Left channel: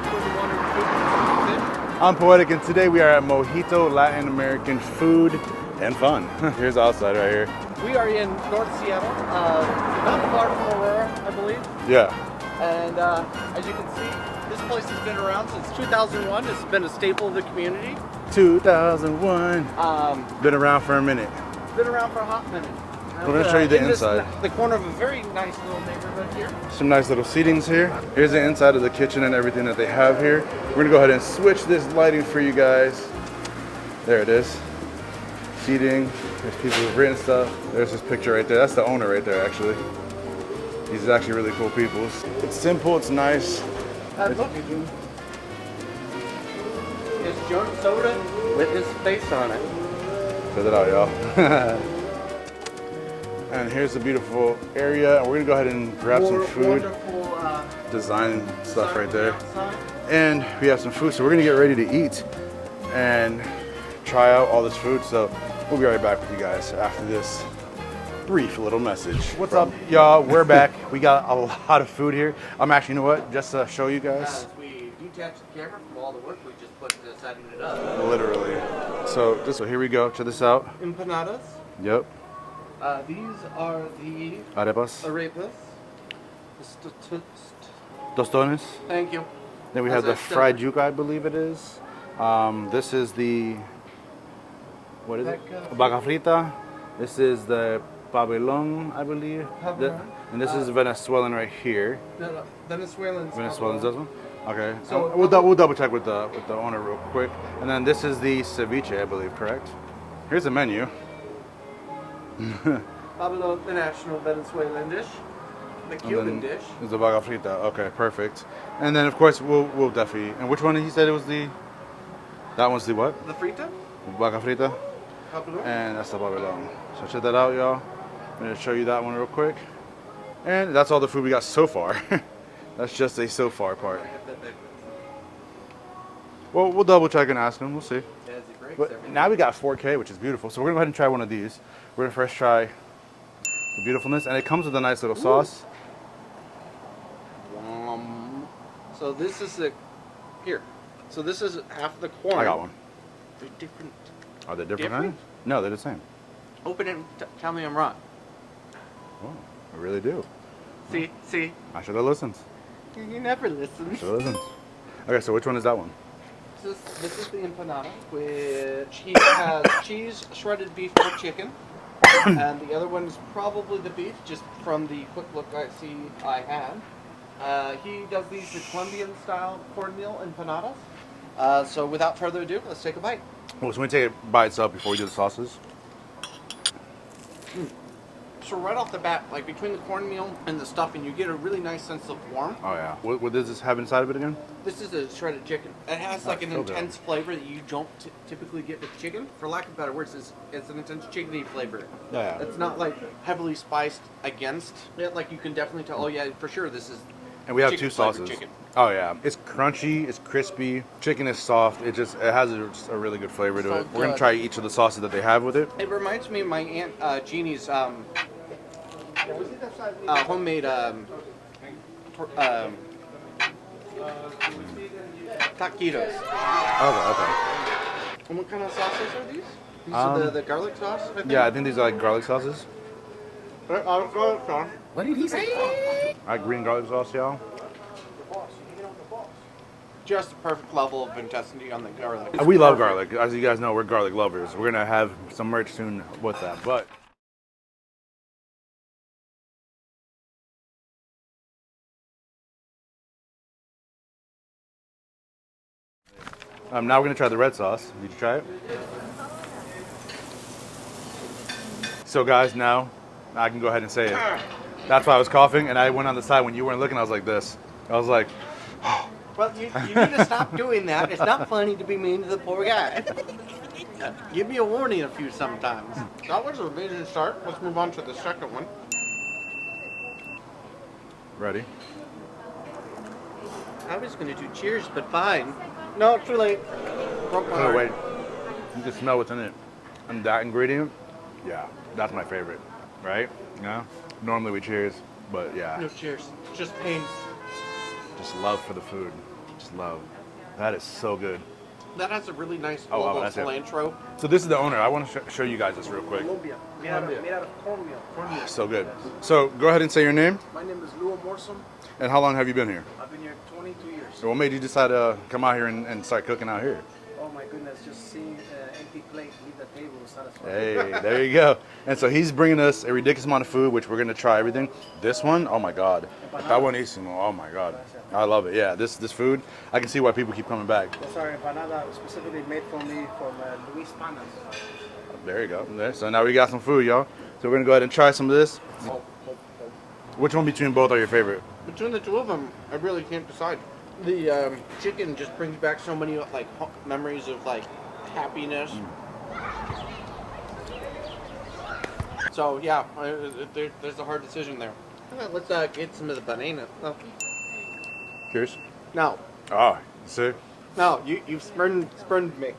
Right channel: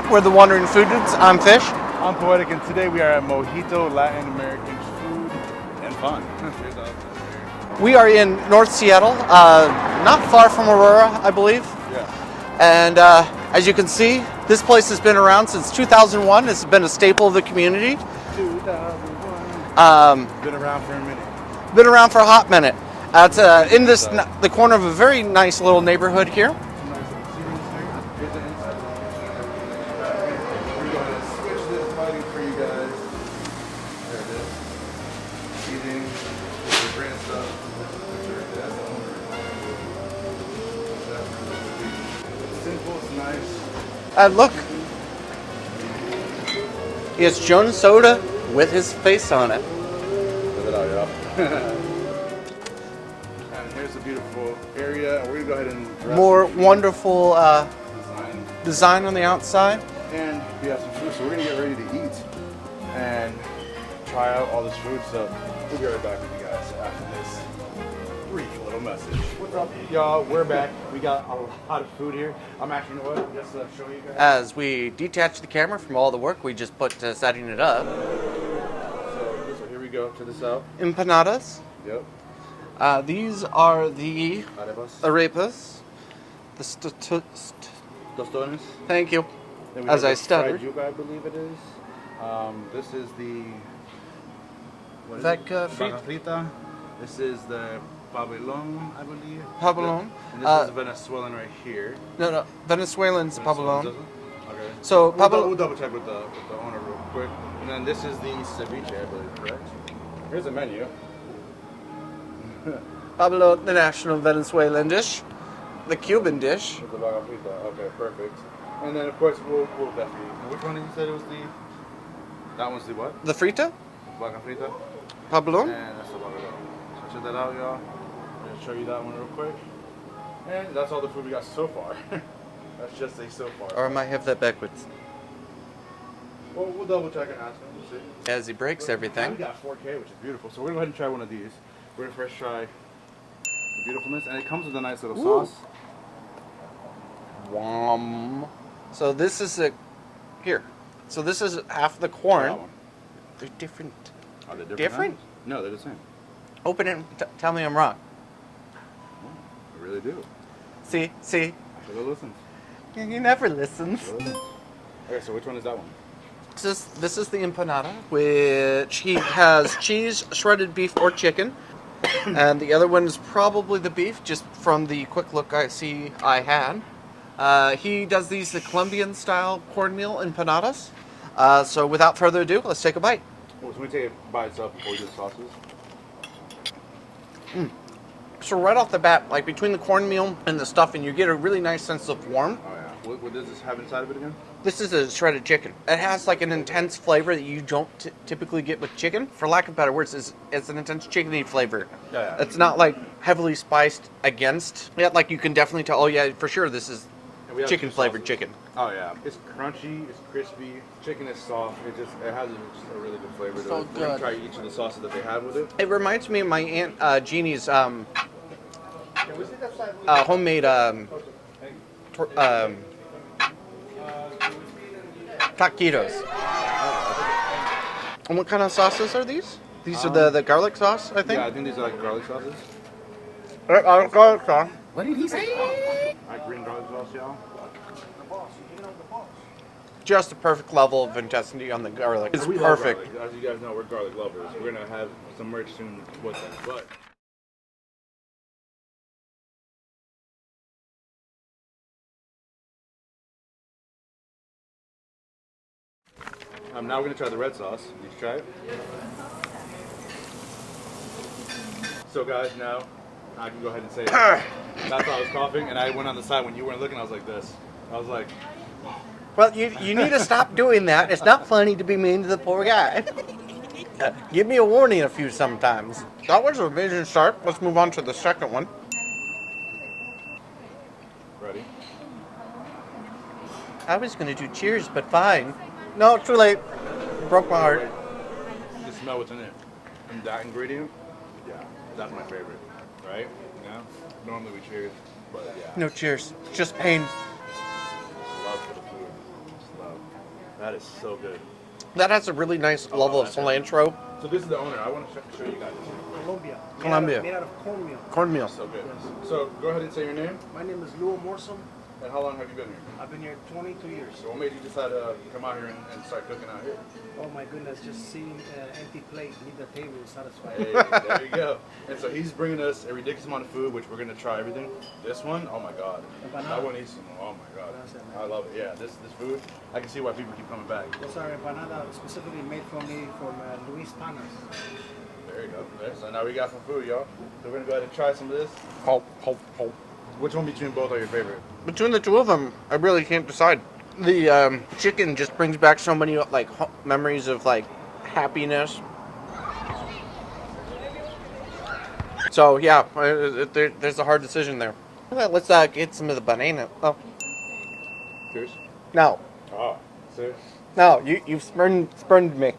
what? We're the Wandering Foodies. I'm Fish. I'm Poetic, and today we are at Mojito, Latin American food and fun. Here's the outside right here. We are in North Seattle, not far from Aurora, I believe. Yeah. And as you can see, this place has been around since 2001. It's been a staple of the community. 2001. Been around for a minute. Been around for a hot minute. It's in inside. the corner of a very nice little neighborhood here. Some nice little seatings here. Here's the inside of the kitchen and everything that they have here. We're gonna go ahead and switch this lighting for you guys. There it is. Seating. There's people who've written stuff. There's this picture right there. That's the owner right there, actually. He's actually really cool people. It's simple. It's nice. Look. He has Jones Soda with his face on it. Check it out, y'all. And here's a beautiful area, and we're gonna go ahead and grab More some food. Wonderful design design right on the there. outside. And we have some food, so we're gonna get ready to eat and try out all this food. So we'll be right back with you guys after this brief little message. What's up, y'all? We're back. We got a lot of food here. I'm actually, you know what? Just to show you guys. As we detach the camera from all the work we just put to setting it up. Literally. So here we go. Check this out. Empanadas. Yep. These are the Arepas. Arepas. Tostones. Thank you. Then we As have I the fried stuttered. yuca, I believe it is. This is the what is Vaca it? Vaca Frita. This is the Pabellón, I believe. Pabellón. And this is Venezuelan right here. No, Venezuelan's Venezuelan's Pabellón. this one? Okay. So we'll double check with the owner real quick. And then this is the ceviche, I believe, correct? Here's the menu. Pabellón, the national Venezuelan dish. The Cuban dish. It's the Vaca Frita. Okay, perfect. And then of course we'll definitely. And which one did he said it was the? That one's the what? The Frita. Vaca Frita. Pabellón. And that's the Pabellón. So check that out, y'all. I'm gonna show you that one real quick. And that's all the food we got so far. That's just a so far Or part. I might have that backwards. Well, we'll double check and ask him. We'll see. As he breaks But everything. now we got 4K, which is beautiful. So we're gonna go ahead and try one of these. We're gonna first try the beautifulness, and it comes with a nice little sauce. So this is here. So this is half the corn. I got one. They're different. Are they different? Different? No, they're the same. Open it and tell me I'm wrong. Oh, I really do. See? I should have listened. You never listen. Okay, so which one is that one? This is the empanada, which he has cheese, shredded beef, or chicken. And the other one is probably the beef, just from the quick look I had. He does these the Colombian-style cornmeal empanadas. So without further ado, let's take a bite. Well, so we take it by itself before we do the sauces. So right off the bat, like between the cornmeal and the stuffing, you get a really nice sense of warmth. Oh yeah. What does this have inside of it again? This is a shredded chicken. It has like an intense flavor that you don't typically get with chicken. For lack of better words, it's an intense chickeny flavor. Yeah. It's not like heavily spiced against. Yeah, like you can definitely tell. Oh yeah, for sure this is And we have chicken two flavored sauces. chicken. Oh yeah. It's crunchy. It's crispy. Chicken is soft. It has a really good flavor to So it. We're gonna good. try each of the sauces that they have with it. It reminds me of my aunt Jeannie's homemade taquitos. And what kind of sauces are these? These are the garlic sauce, I think. Yeah, I think these are like garlic sauces. Garlic sauce. What did he say? Like green garlic sauce, y'all. Just the perfect level of intensity on the garlic. It's We love perfect. garlic. As you guys know, we're garlic lovers. We're gonna have some merch soon with that. But now we're gonna try the red sauce. Did you try it? So guys, now I can go ahead and say it. That's why I was coughing, and I went on the side when you weren't looking. I was like this. I was like, Well, you need to stop doing that. It's not funny to be mean to the poor guy. Give me a warning a few sometimes. That was a vision sharp. Let's move on to the second one. ready? I was going to do cheers, but fine. No, too late. Broke my Oh heart. wait, you can smell what's in it. And that ingredient, yeah, that's my favorite, right? Yeah. Normally we cheers, but yeah. No cheers. Just pain. Just love for the food. just love. That is so good. That has a really nice level of that's it. cilantro. So this is the owner. I want to show you guys this real quick. Colombia. Made out of cornmeal. Cornmeal. So good. So go ahead and say your name. My name is Luam And how long have you been here? I've been here 22 years. So what made you decide to come out here and start cooking out here? Oh my goodness, just seeing an empty plate leave the table is satisfying. Hey, there you go. And so he's bringing us a ridiculous amount of food, which we're gonna try everything. This one, oh my God. That buenísimo, oh my God. I love it, yeah. This food, I can see why people keep coming back. It's our empanada specifically made for me from Luis Panas. There you go. There. So now we got some food, y'all. So we're gonna go ahead and try some of this. Which one between both are your favorite? Between the two of them, I really can't decide. The chicken just brings back so many like memories of like happiness. So yeah, there's a hard decision there. Well, let's get some of the banana. Oh, Cheers. no, Oh, see? no, you've spurned me.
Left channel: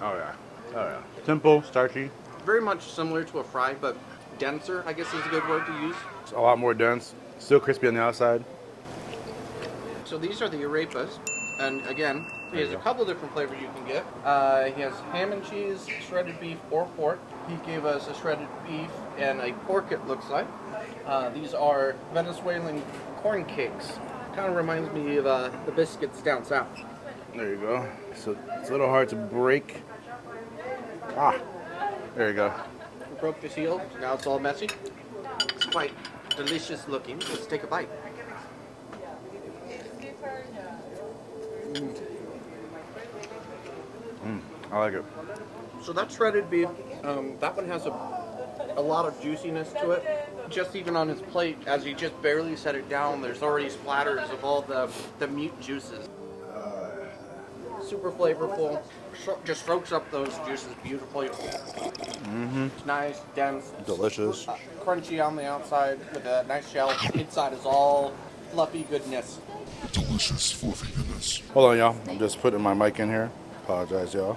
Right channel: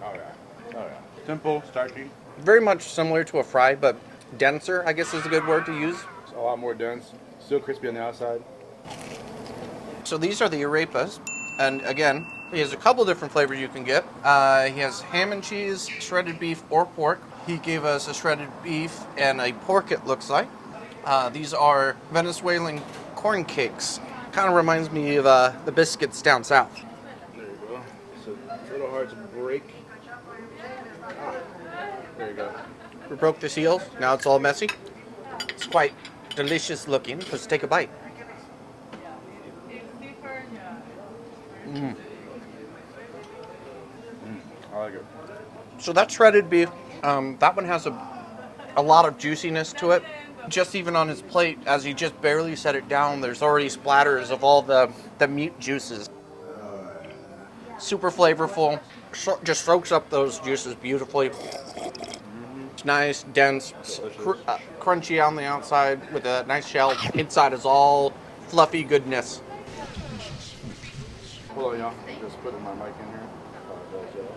Oh yeah. Oh yeah. Simple, starchy. Very much similar to a fry, but denser, I guess is a good word to use. It's a lot more dense. Still crispy on the outside. So these are the arepas, and again, he has a couple different flavors you can get. He has ham and cheese, shredded beef, or pork. He gave us a shredded beef and a pork, it looks like. These are Venezuelan corn cakes. Kind of reminds me of the biscuits down south. There you go. So it's a little hard to break. Ah, there you go. We broke the seal, now it's all messy. It's quite delicious looking. Let's take a bite. I like it. So that shredded beef, that one has a lot of juiciness to it. Just even on his plate, as he just barely set it down, there's already splatters of all the meat juices. Super flavorful, just soaks up those juices beautifully. It's nice, dense, Delicious. crunchy on the outside with a nice shell. Inside is all fluffy goodness. Delicious fluffy goodness. Hold on, y'all. I'm just putting my mic in here. Apologize, y'all.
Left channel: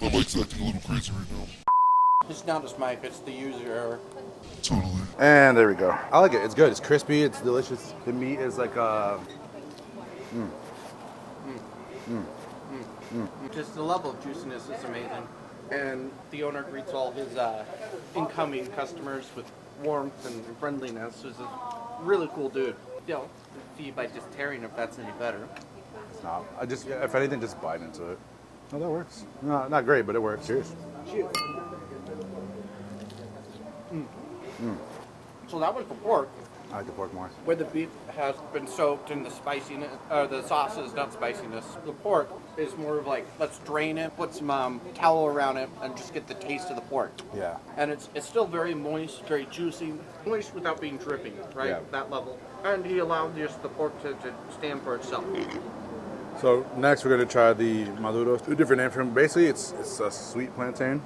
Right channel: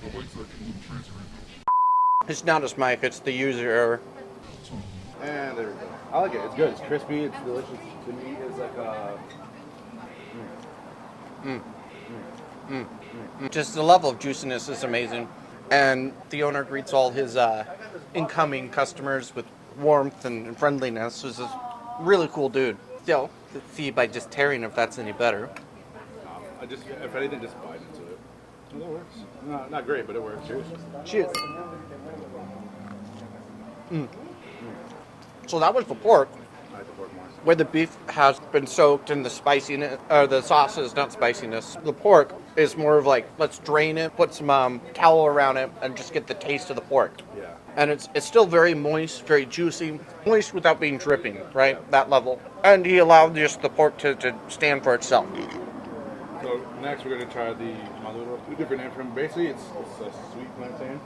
My mic's acting a little crazy right now. It's not his mic, it's the user error. Totally. And there we go. I like it. It's good. It's crispy. It's delicious. The meat is like Just the level of juiciness is amazing. And the owner greets all his incoming customers with warmth and friendliness. He's a really cool dude. Still, let's see by just tearing if that's any better. I just, if anything, just bite into it. Oh, that works. No, not great, but it works. Cheers. Cheers. So that was the pork, I like the pork more. where the beef has been soaked in the spiciness, or the sauce is not spiciness. The pork is more of like, let's drain it, put some towel around it, and just get the taste of the pork. Yeah. And it's still very moist, very juicy, moist without being dripping, right? That level. And he allowed just the pork to stand for itself. So next we're gonna try the Maduros. A different name for him. Basically, it's a sweet plantain.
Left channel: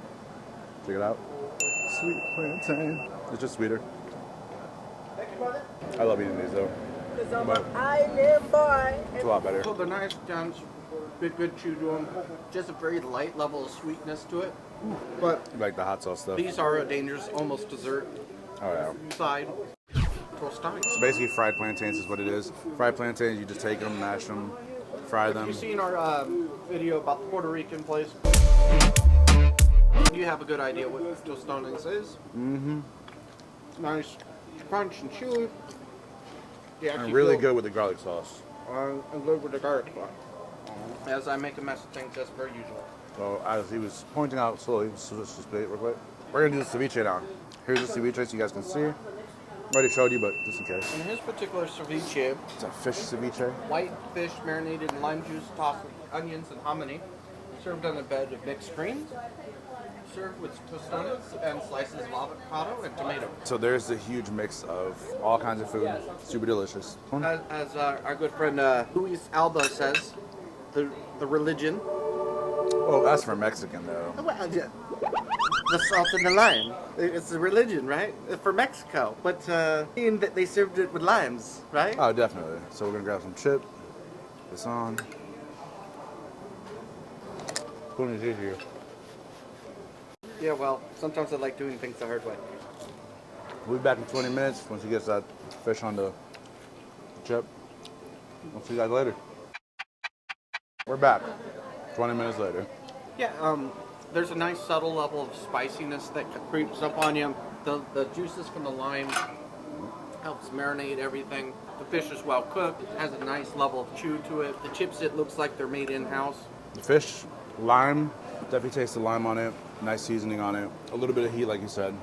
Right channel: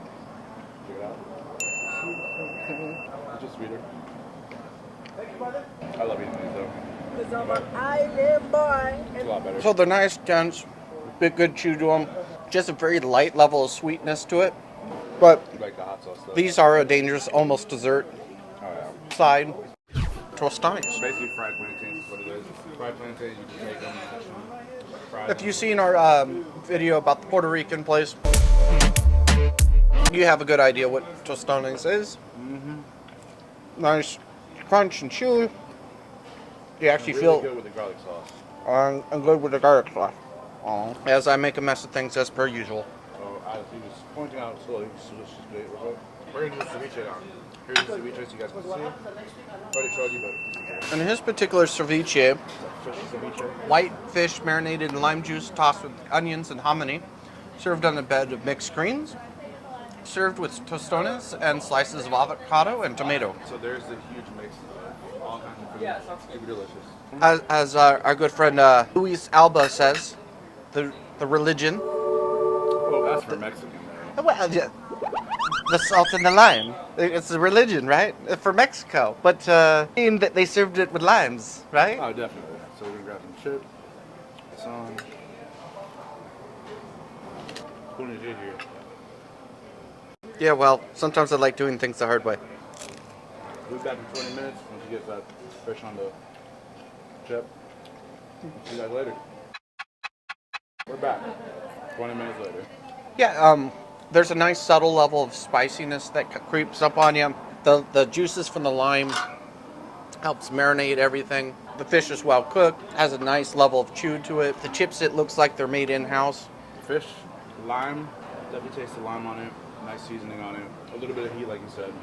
Check it out. Sweet plantain. It's just sweeter. I love eating these though. Cause I'm an island boy. It's a lot better. So they're nice, dense, big good chew to them. Just a very light level of sweetness to it. But Like the hot sauce stuff. these are a dangerous, almost dessert Oh yeah. side. Tostadas. Basically, fried plantains is what it is. Fried plantains, you just take them, mash them, fry them. Have you seen our video about the Puerto Rican place? You have a good idea what tostones is. Mm-hmm. Nice crunch and chewy. You actually really feel good with the garlic sauce. I'm good with the garlic sauce. As I make a mess of things as per usual. Oh, as he was pointing out slowly, just wait real quick. We're gonna do the ceviche now. Here's the ceviche so you guys can see. Already showed you, but just in case. In his particular ceviche, It's a fish ceviche. white fish marinated in lime juice tossed with onions and hominy, served on a bed of mixed greens, served with tostones and slices of avocado and tomato. So there's a huge mix of all kinds of food. Super delicious. As our good friend Luis Alba says, the religion. Oh, that's for Mexican though. Well, yeah, the salt and the lime. It's the religion, right? For Mexico. But that they served it with limes, right? Oh, definitely. So we're gonna grab some chip. It's on. What do we do here? Yeah, well, sometimes I like doing things the hard way. We'll be back in 20 minutes once he gets that fish on the chip. We'll see you guys later. We're back. 20 minutes later. Yeah, there's a nice subtle level of spiciness that creeps up on you. The juices from the lime helps marinate everything. The fish is well cooked, has a nice level of chew to it. The chips, it looks like they're made in-house. Fish, lime, definitely taste the lime on it. Nice seasoning on it. A little bit of heat, like you said.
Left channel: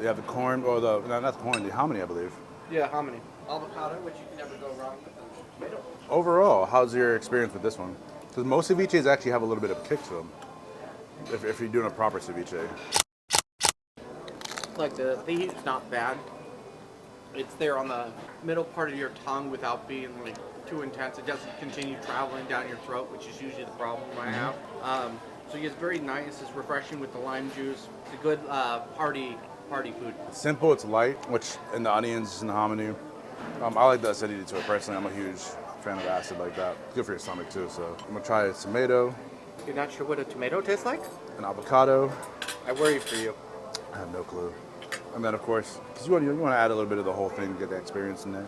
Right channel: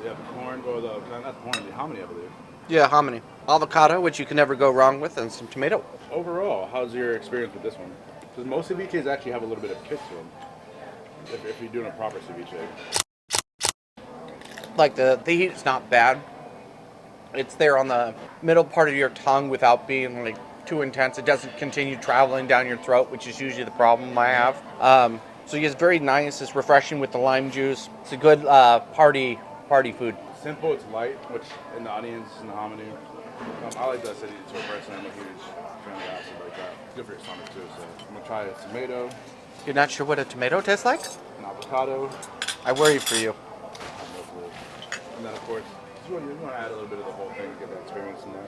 They have the corn, or not the corn, the hominy, I believe. Yeah, hominy. Avocado, which you can never go wrong with, and some tomato. Overall, how's your experience with this one? Because most ceviches actually have a little bit of kick to them. If you're doing a proper ceviche. Like the heat is not bad. It's there on the middle part of your tongue without being like too intense. It doesn't continue traveling down your throat, which is usually the problem I have. So it's very nice. It's refreshing with the lime juice. It's a good party food. Simple, it's light, which in the onions and the hominy. I like the acidity to it personally. I'm a huge fan of acid like that. Good for your stomach too. So I'm gonna try a tomato, You're not sure what a tomato tastes like? an avocado. I worry for you. I have no clue. And then of course, because you want to add a little bit of the whole thing, get the experience in there.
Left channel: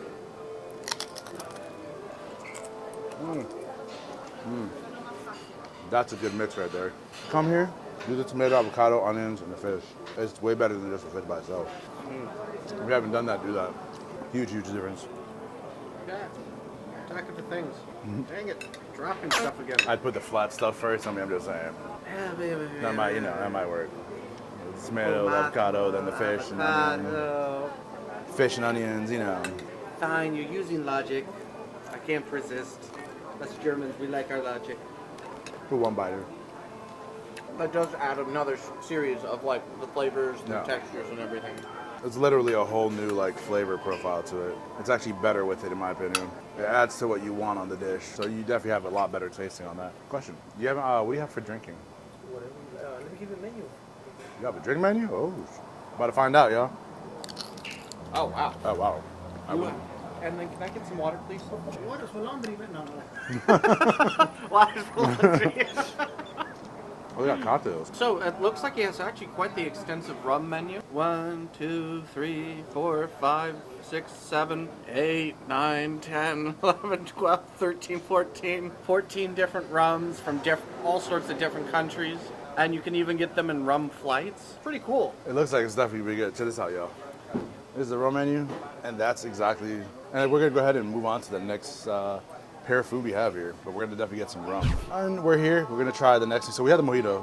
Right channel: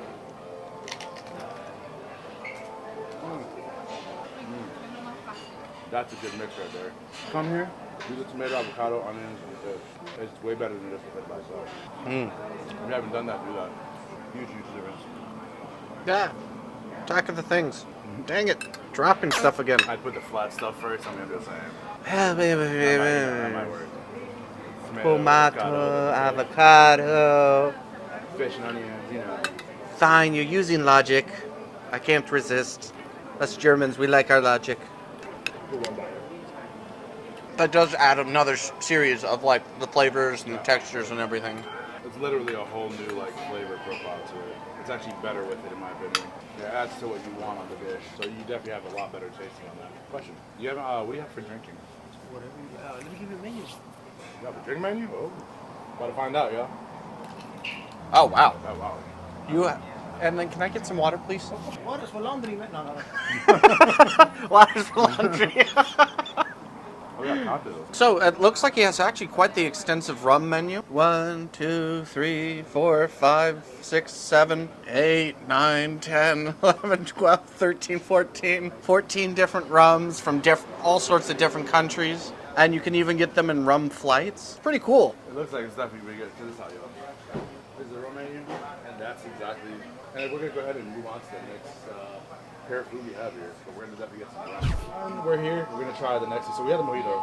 That's a good mix right there. Come here, do the tomato, avocado, onions, and the fish. It's way better than just the fish by itself. If you haven't done that, do that. Huge, huge difference. Yeah. Talk of the things. Dang it. Dropping stuff again. I put the flat stuff first, I'm gonna do the same. Yeah, That might work. Tomato, Tomato, the fish, avocado. Fish and onions, you know. Fine, you're using logic. I can't resist. Us Germans, we like our logic. Put one bite in. That does add another series of like the flavors and Yeah. the textures and everything. It's literally a whole new like flavor profile to it. It's actually better with it in my opinion. It adds to what you want on the dish, so you definitely have a lot better tasting on that. Question: you have what do you have for drinking? Whatever. Let me give you a menu. You have a drink menu? Oh, about to find out, y'all. Oh wow. Oh wow. You and then can I get some water, please? Water's for laundry, man. No. Water's for laundry. We got cocktails. So it looks like he has actually quite the extensive rum menu. 1, 2, 3, 4, 5, 6, 7, 8, 9, 10, 11, 12, 13, 14. 14 different rums from all sorts of different countries. And you can even get them in rum flights. Pretty cool. It looks like stuff you would get. Check this out, y'all. This is the rum menu, and that's exactly. And we're gonna go ahead and move on to the next pair of food we have here. But we're gonna definitely get some rum. And we're here. We're gonna try the next. So we had a mojito.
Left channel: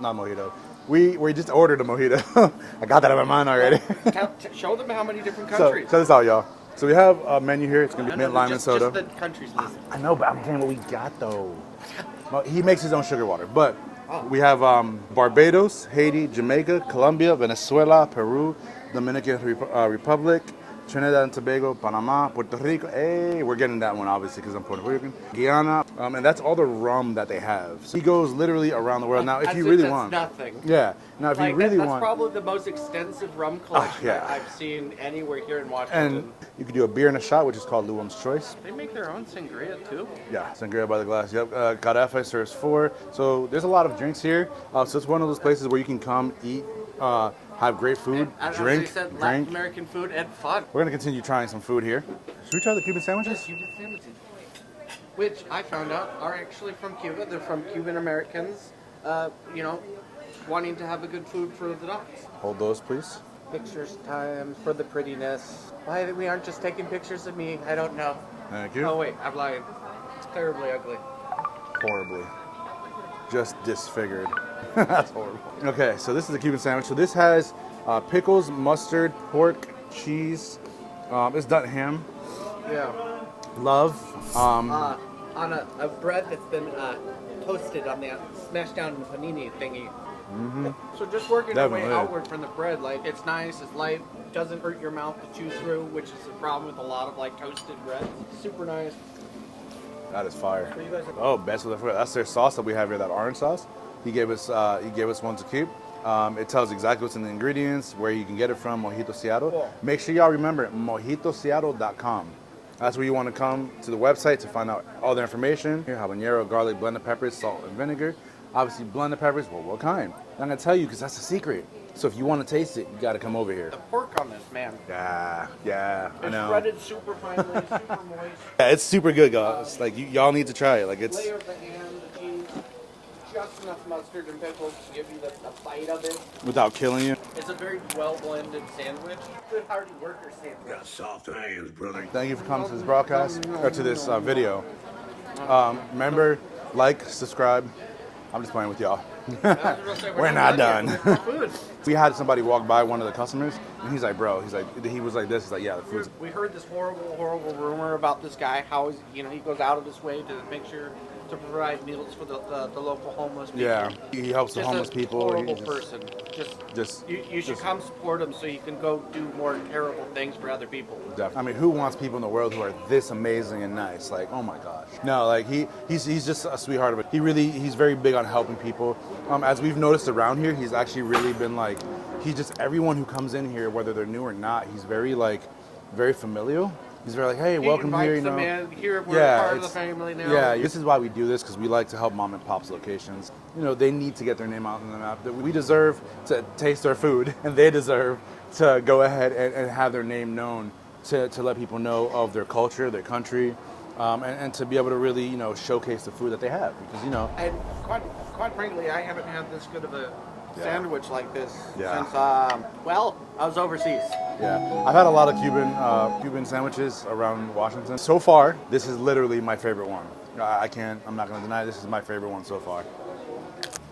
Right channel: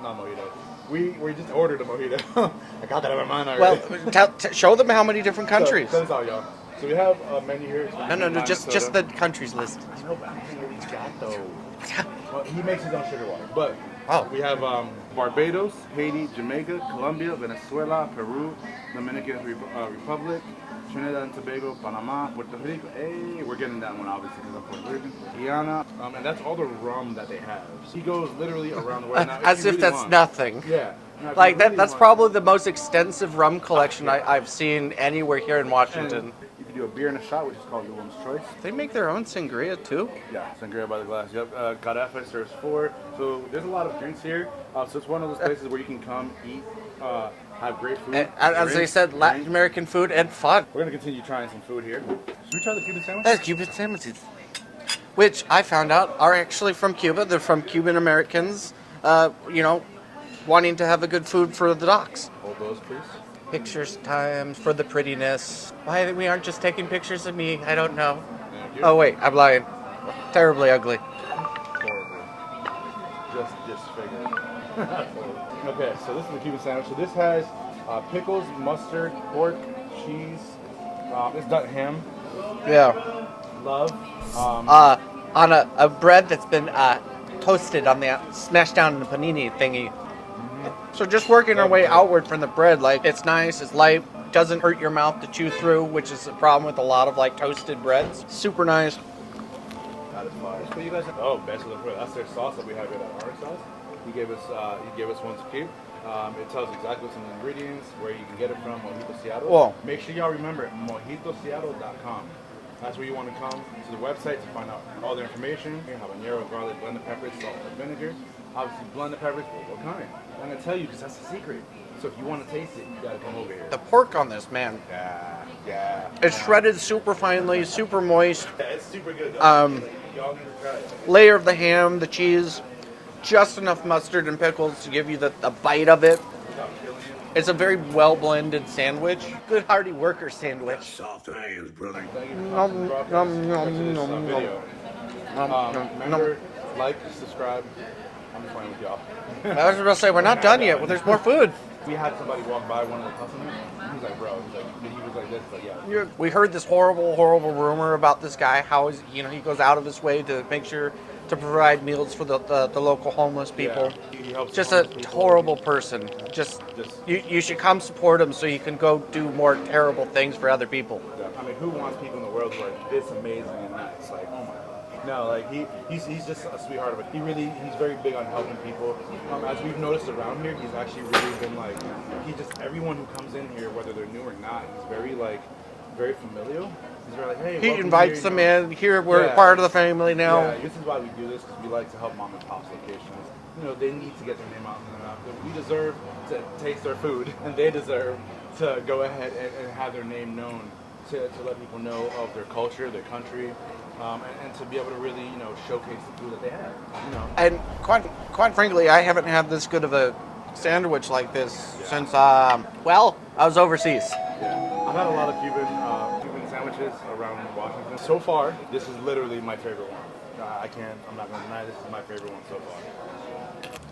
Not mojito. We just ordered a mojito. I got that in my mind already. Well, show them how many different countries. So, check this out, y'all. So we have a menu here. It's gonna be No, mint, lime, just and soda. the countries list. I know, but I'm saying what we got though. No, he makes his own sugar water, but Oh. we have Barbados, Haiti, Jamaica, Colombia, Venezuela, Peru, Dominican Republic, Trinidad and Tobago, Panama, Puerto Rico. Hey, we're getting that one obviously because I'm Puerto Rican. Guyana, and that's all the rum that they have. So he goes literally around the world. Now, As you if really that's want, nothing. yeah. Now, if Like you really that's want, probably the most extensive rum collection yeah. I've seen anywhere here in Washington. And you can do a beer and a shot, which is called Luam's Choice. They make their own sangria too. Yeah, sangria by the glass. Yep. Carefa serves 4. So there's a lot of drinks here. So it's one of those places where you can come eat, have great food. And, as drink, they said, Latin drink. American food and fun. We're gonna continue trying some food here. Should we try the Cuban sandwiches? Cuban sandwiches, which I found out are actually from Cuba. They're from Cuban Americans, wanting to have a good food for the docks. Hold those, please. Pictures time for the prettiness. Why we aren't just taking pictures of me, I don't know. Thank you. Oh wait, I'm lying. It's terribly ugly. Horribly. Just disfigured. That's horrible. Okay, so this is the Cuban sandwich. So this has pickles, mustard, pork, cheese. It's done ham, Yeah. love. On a bread that's been toasted on the smashed down in the panini thingy. So just working our way Definitely. outward from the bread, like it's nice, it's light, doesn't hurt your mouth to chew through, which is a problem with a lot of like toasted breads. Super nice. That is fire. What you guys are Oh, best of the food. That's their sauce that we have here, that orange sauce. He gave us one to keep. It tells exactly what's in the ingredients, where you can get it from, Mojito Seattle. Whoa. Make sure y'all remember mojitoseattle.com. That's where you want to come to the website to find out all the information. Here, habanero, garlic, blended peppers, salt, and vinegar. Obviously, blended peppers, well, what kind? I'm going to tell you because that's the secret. So if you want to taste it, you got to come over here. The pork on this, man. Yeah. It's I know. shredded super finely, super moist. Yeah, it's super good, guys. Like y'all need to try it. Like it's Layer of the ham, the cheese, just enough mustard and pickles to give you the bite of it. without killing you. It's a very well blended sandwich. Good hearty worker sandwich. Soft hands, brother. Thank you for coming to this broadcast or to this video. Remember, like, subscribe. I'm just playing with y'all. I was going to say, we're not done yet. There's more food. We had somebody walk by, one of the customers, and he's like, bro, he was like this. He's like, yeah. The food's We heard this horrible rumor about this guy. How he goes out of his way to make sure to provide meals for the local homeless people. Yeah, he helps Just the a homeless people. horrible person. You should come support him so you can go do more terrible things for other people. I mean, who wants people in the world who are this amazing and nice? Like, oh my gosh. No, like he's just a sweetheart of it. He's very big on helping people. As we've noticed around here, he's actually really been like, everyone who comes in here, whether they're new or not, he's very familial. He's very like, hey, He welcome invites here, them in. Here, we're part of the family now. Yeah, this is why we do this, because we like to help mom and pop's locations. They need to get their name out in the map. We deserve to taste our food, and they deserve to go ahead and have their name known to let people know of their culture, their country, and to be able to really, showcase the food that they have. And quite frankly, I haven't had this good of a sandwich like this since, I was overseas. Yeah, I've had a lot of Cuban sandwiches around Washington. So far, this is literally my favorite one. I'm not gonna deny, this is my favorite one so far.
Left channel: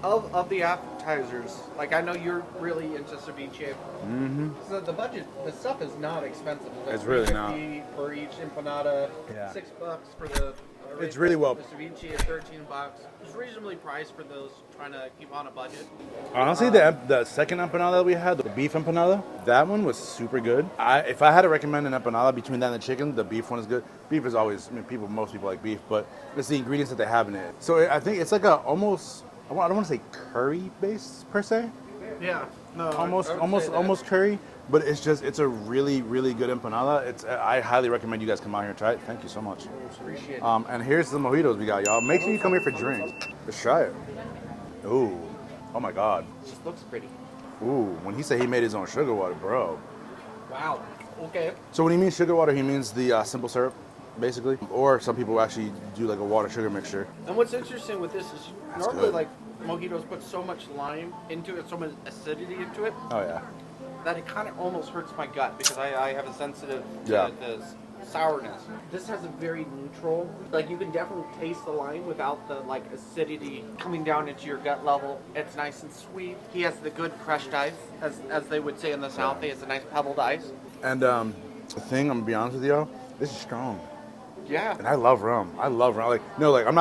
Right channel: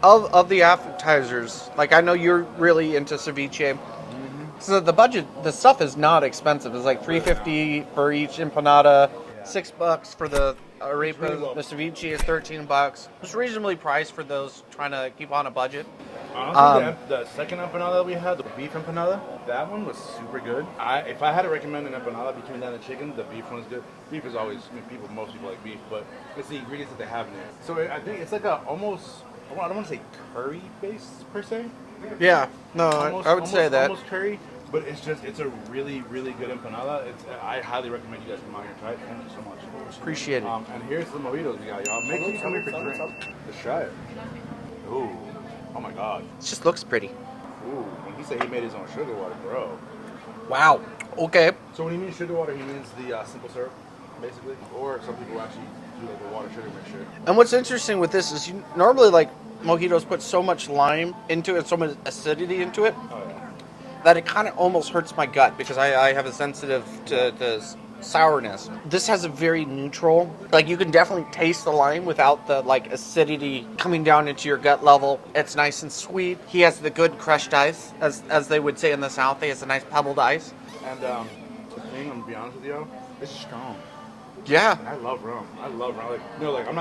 Of the appetizers, like I know you're really into ceviche. Mm-hmm. So the stuff is not expensive. It's like It's $3.50 for each empanada, $6 for the arepa. really well. The ceviche is $13. It's reasonably priced for those trying to keep on a budget. Honestly, the second empanada that we had, the beef empanada, that one was super good. If I had to recommend an empanada between that and the chicken, the beef one is good. Beef is always, most people like beef, but it's the ingredients that they have in it. So I think it's like I don't want to say curry based per se. Yeah, no, I would say that. Almost curry, but it's a really, really good empanada. I highly recommend you guys come out here and try it. Thank you so much. Appreciate it. And here's the mojitos we got, y'all. Make sure you come here for drinks. Let's try it. Ooh, oh my God. It just looks pretty. Ooh, when he said he made his own sugar water, bro. Wow. Okay. So when he means sugar water, he means the simple syrup, basically. Or some people actually do like a water sugar mixture. And what's interesting with this is normally like mojitos put so much lime into it, so much acidity into it, Oh yeah. that it kind of almost hurts my gut because I have a sensitive to sourness. This has a very neutral, like you can definitely taste the lime without the like acidity coming down into your gut level. It's nice and sweet. He has the good crushed ice, as they would say in the South. He has a nice pebbled ice. And the thing, I'm gonna be honest with y'all, this is strong. Yeah. And I love rum. I'm not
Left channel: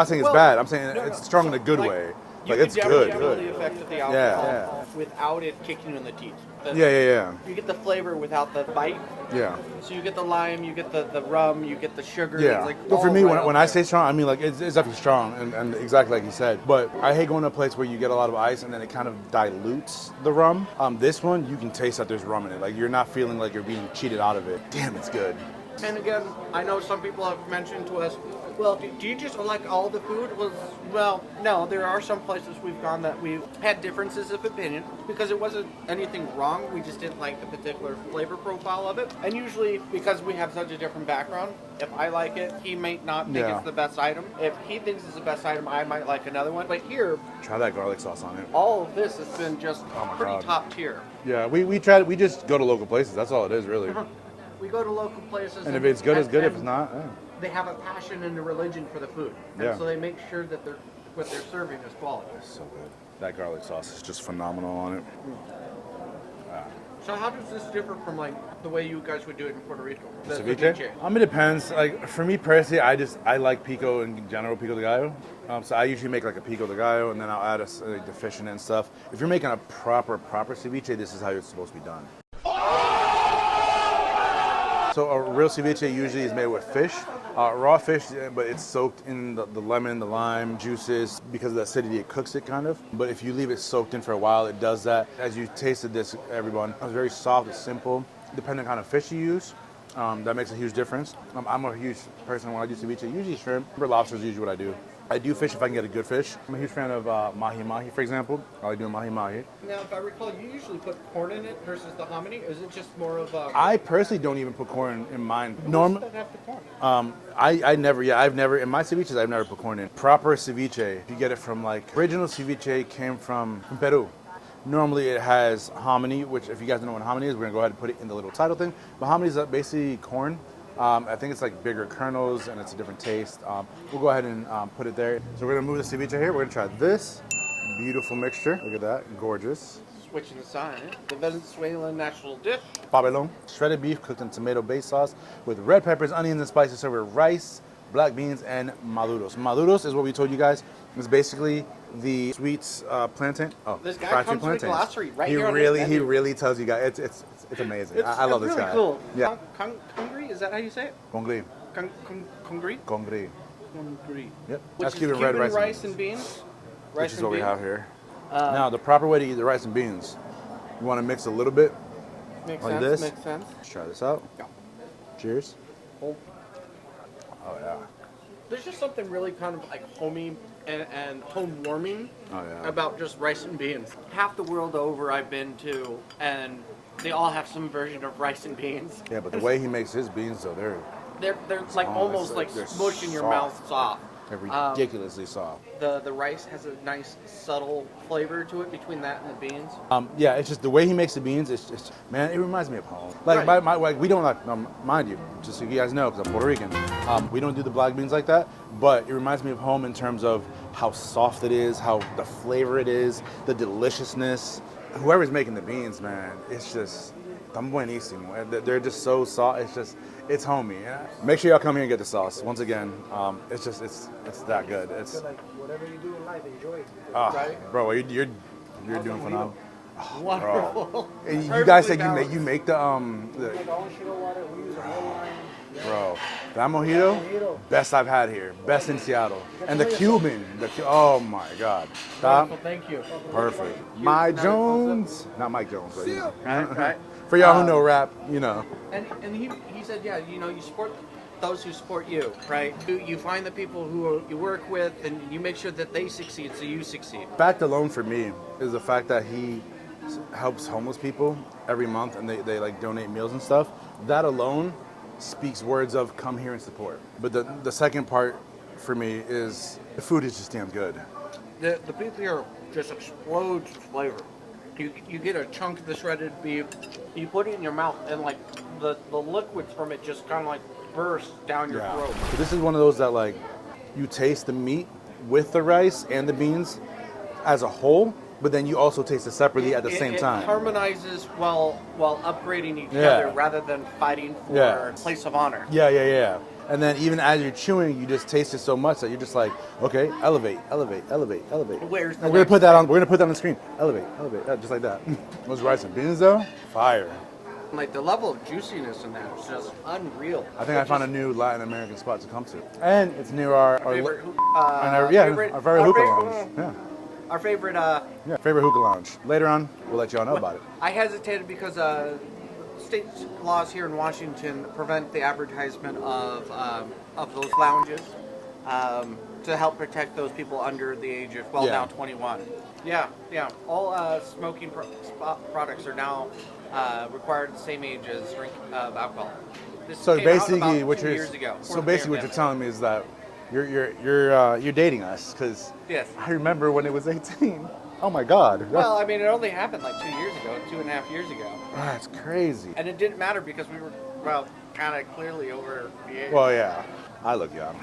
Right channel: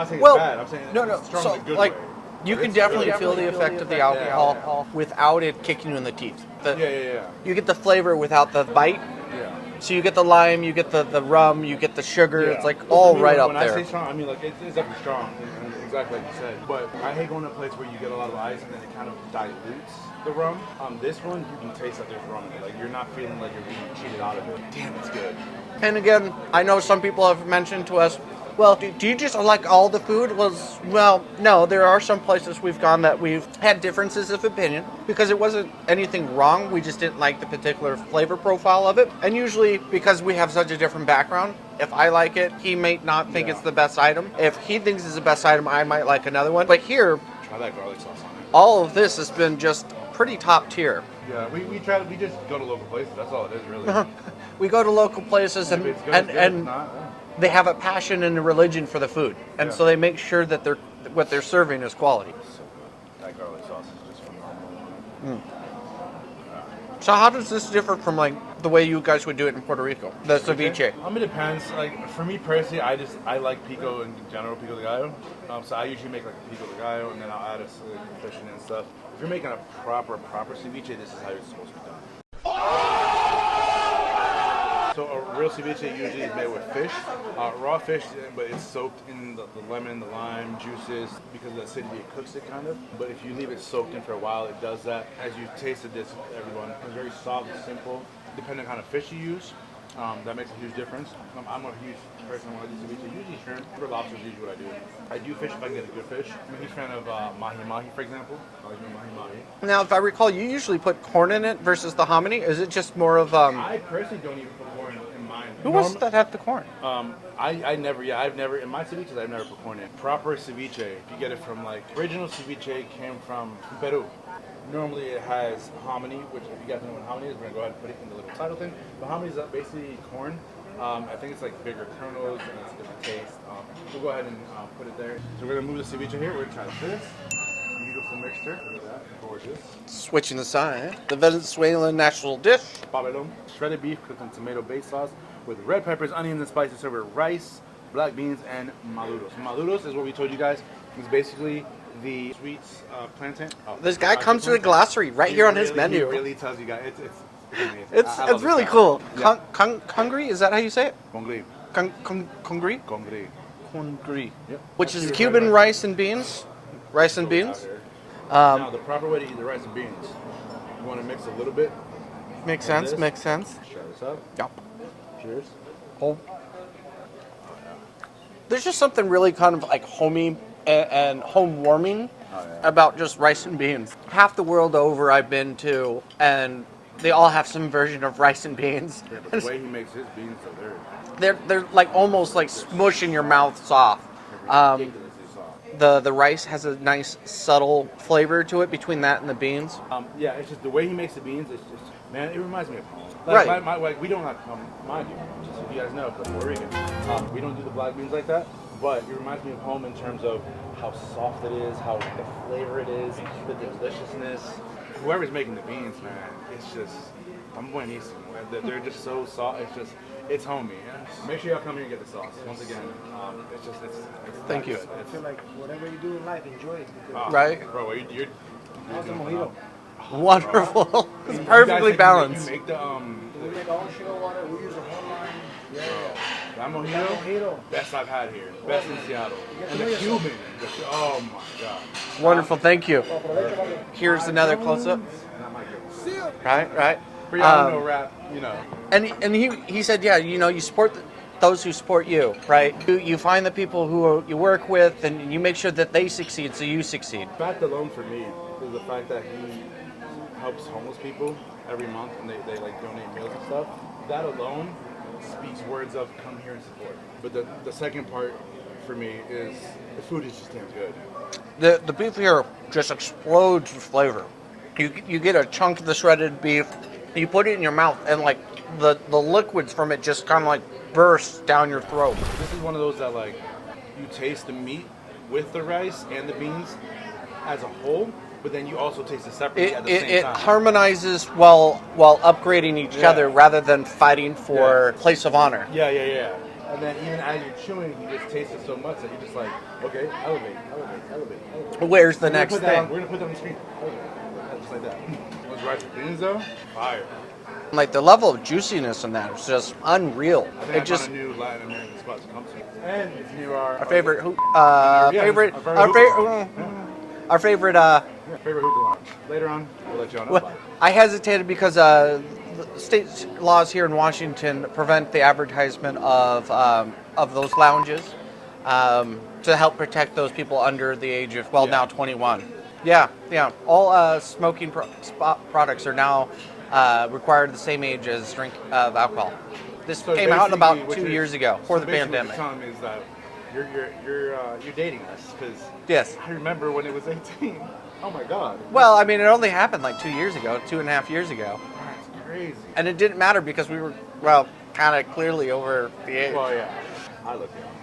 saying it's Well, bad. I'm saying no, it's strong so, in a good like, way. You Like, can it's definitely good. feel the effect of the alcohol Yeah. without it kicking you in the teeth. Yeah. You get the flavor without the bite. Yeah. So you get the lime, you get the rum, you get the sugar. Yeah. It's like Well, all for me, right up when there. I say strong, I mean like it's definitely strong and exactly like you said. But I hate going to a place where you get a lot of ice and then it kind of dilutes the rum. This one, you can taste that there's rum in it. Like you're not feeling like you're being cheated out of it. Damn, it's good. And again, I know some people have mentioned to us, well, do you just like all the food? Well, no, there are some places we've gone that we've had differences of opinion because it wasn't anything wrong. We just didn't like the particular flavor profile of it. And usually because we have such a different background, if I like it, he may not think it's the best item. If he thinks it's the best item, I might like another one. But here, Try that garlic sauce on it. all of this has been just pretty God. top tier. Yeah, we just go to local places. That's all it is, really. We go to local places And if it's good, it's good. If it's not, they have a passion and a religion for the food, and Yeah. so they make sure that what they're serving is quality. So good. That garlic sauce is just phenomenal on it. So how does this differ from like the way you guys would do it in Puerto Rico? The ceviche. It depends. Like for me personally, I like pico in general, pico de gallo. So I usually make like a pico de gallo, and then I'll add like the fish in it and stuff. If you're making a proper ceviche, this is how it's supposed to be done. So a real ceviche usually is made with fish, raw fish, but it's soaked in the lemon, the lime juices. Because of the acidity, it cooks it kind of. But if you leave it soaked in for a while, it does that. As you tasted this, everyone, it's very soft, it's simple. Depending on the fish you use, that makes a huge difference. I'm a huge person when I do ceviche. Usually shrimp, or lobster is usually what I do. I do fish if I can get a good fish. I'm a huge fan of mahi-mahi, for example. I like doing mahi-mahi. Now, if I recall, you usually put corn in it versus the hominy. Is it just more of I personally don't even put corn in mine. who wants that have the corn? I never, I've never, in my ceviches, I've never put corn in. Proper ceviche, you get it from like, original ceviche came from Peru. Normally it has hominy, which if you guys don't know what hominy is, we're gonna go ahead and put it in the little title thing. But hominy is basically corn. I think it's like bigger kernels and it's a different taste. We'll go ahead and put it there. So we're gonna move the ceviche here. We're gonna try this beautiful mixture. Look at that, gorgeous. Switching the side. The Venezuelan national dish. Pabellón, shredded beef cooked in tomato-based sauce with red peppers, onions, and spices served with rice, black beans, and maduros. Maduros is what we told you guys. It's basically the sweets plantain. Oh, This guy fried comes with a plantain. glossary right here on his He menu. really tells you guys. It's amazing. It's I love this really guy. cool. Yeah. Congri, is that how you say it? Congri. Congri? Congri. Congri. Yep. Which That's is red Cuban rice and beans. Rice This is and what we beans. have here. Now, the proper way to eat the rice and beans, you want to mix a little bit. Makes Like sense, this. makes sense. Let's try this out. Yep. Cheers. Oh. Oh, yeah. There's just something really kind of like homey and home warming Oh, yeah. about just rice and beans. Half the world over I've been to, and they all have some version of rice and beans. Yeah, but the way he makes his beans, though, They're like Oh, almost like they're smush in your soft. mouth soft. they're ridiculously soft. The rice has a nice subtle flavor to it between that and the beans. Yeah, it's just the way he makes the beans. It's just, man, it reminds me of home. Like, Right. like we don't like, mind you, just so you guys know, because I'm Puerto Rican, we don't do the black beans like that. But it reminds me of home in terms of how soft it is, how the flavor it is, the deliciousness. Whoever's making the beans, man, it's just, tan buenísimo. They're just so soft. It's homey. Yeah? Make sure y'all come here and get the sauce. Once again, it's that good. I It's feel like whatever you do in life, enjoy it. Because Right. bro. You're how's the doing mojito? phenomenal. Wonderful. And you guys Perfectly said balanced. you make the we make our own sugar water. We use a whole line. Yeah. bro. That That mojito, mojito. best I've had here, best in Seattle. Get And to the know yourself. Cuban, oh my God. Wonderful, thank you. Perfect. Here's Mike another close-up. Jones. Not Mike Jones. but- Right, right. For y'all who know rap, you know. And he said, yeah, you know, you support those who support you, right? You find the people who you work with, and you make sure that they succeed, so you succeed. Fact alone for me is the fact that he helps homeless people every month, and they like donate meals and stuff. That alone speaks words of come here and support. But the second part for me is the food is just damn good. The beef here just explodes with flavor. You get a chunk of the shredded beef, you put it in your mouth, and like the liquids from it just kind of like burst down your throat. This is one of those that like you taste the meat with the rice and the beans as a whole, but then you also taste it separately at the same It time. harmonizes while upgrading each Yeah. other rather than fighting for place of honor. Yeah. And then even as you're chewing, you just taste it so much that you're just like, okay, elevate. Where's the We're gonna next put that thing? We're gonna put that on the screen. Elevate, yeah, just like that. Those rice and beans though, fire. Like the level of juiciness in that is just unreal. I think I just, found a new Latin American spot to come to, and it's near our favorite, our favorite, our favorite, favorite hookah lounge. Later on, we'll let y'all know about it. I hesitated because state laws here in Washington prevent the advertisement of those lounges to help protect those people under the age of now 21. Yeah. All smoking products are now required the same age as drink of alcohol. This came out about 2 years ago before the basically pandemic. what you're telling me is that you're dating us because Yes. I remember when it was 18. Oh my God. Well, I mean, it only happened like 2 years ago, 2.5 years ago. That's crazy. And it didn't matter because we were, kind of clearly over the age. Well, yeah, I look young.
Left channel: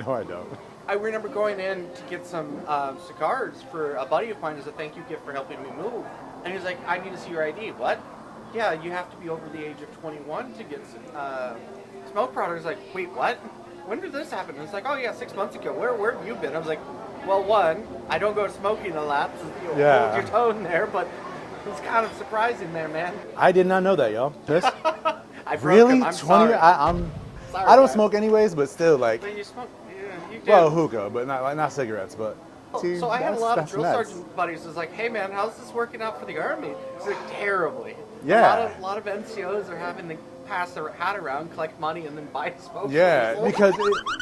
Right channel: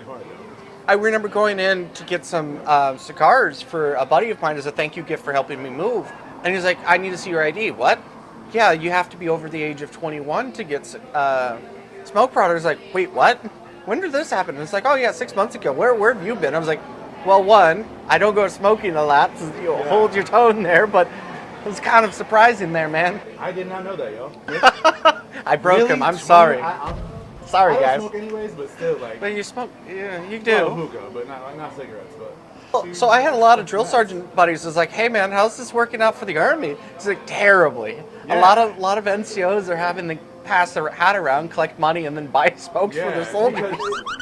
No, I don't. I remember going in to get some cigars for a buddy of mine as a thank you gift for helping me move. And he's like, I need to see your ID. What? Yeah, you have to be over the age of 21 to get smoke products. I was like, wait, what? When did this happen? And it's like, oh yeah, 6 months ago. Where have you been? I was like, well, one, I don't go smoking a lot. So you hold your tone there, but it was kind of surprising there, man. I did not know that, y'all. I broke Really? him. I'm 20? sorry. I'm sorry, I don't guys. smoke anyways, but still, like, But you smoke? Yeah, you did. well, hookah, but not cigarettes, but. So I had a lot of That's drill nuts. sergeant buddies. Was like, "Hey man, how's this working out for the army?" He's like, "Terribly. Yeah. A lot of NCOs are having to pass their hat around, collect money, and then buy smoke Yeah, for because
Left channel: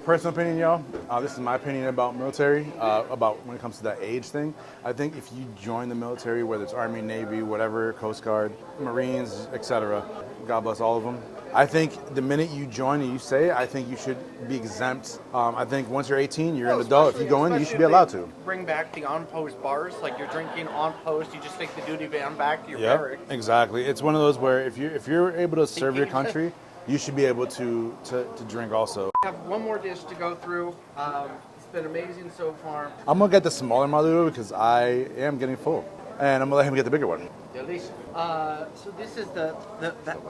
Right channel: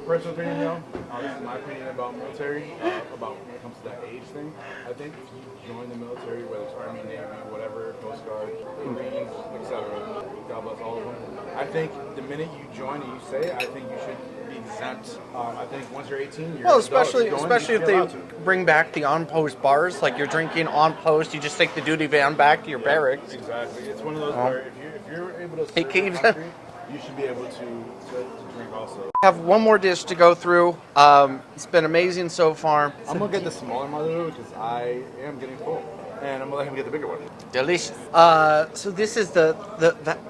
personal opinion, y'all. This is my opinion about military. About when it comes to that age thing. I think if you join the military, whether it's Army, Navy, whatever, Coast Guard, Marines, etc., God bless all of them. I think the minute you join and you say it, I think you should be exempt. I think once you're 18, you're an adult. If you go in, you should be allowed to. Bring back the on-post bars, like you're drinking on post, you just take the duty van back to your barracks. Exactly. It's one of those where if you're able to serve your Keith. country, you should be able to drink also. I have one more dish to go through. It's been amazing so far. I'm gonna get the smaller Maduro because I am getting full, and I'm gonna let him get the bigger one. Delicious. So this is the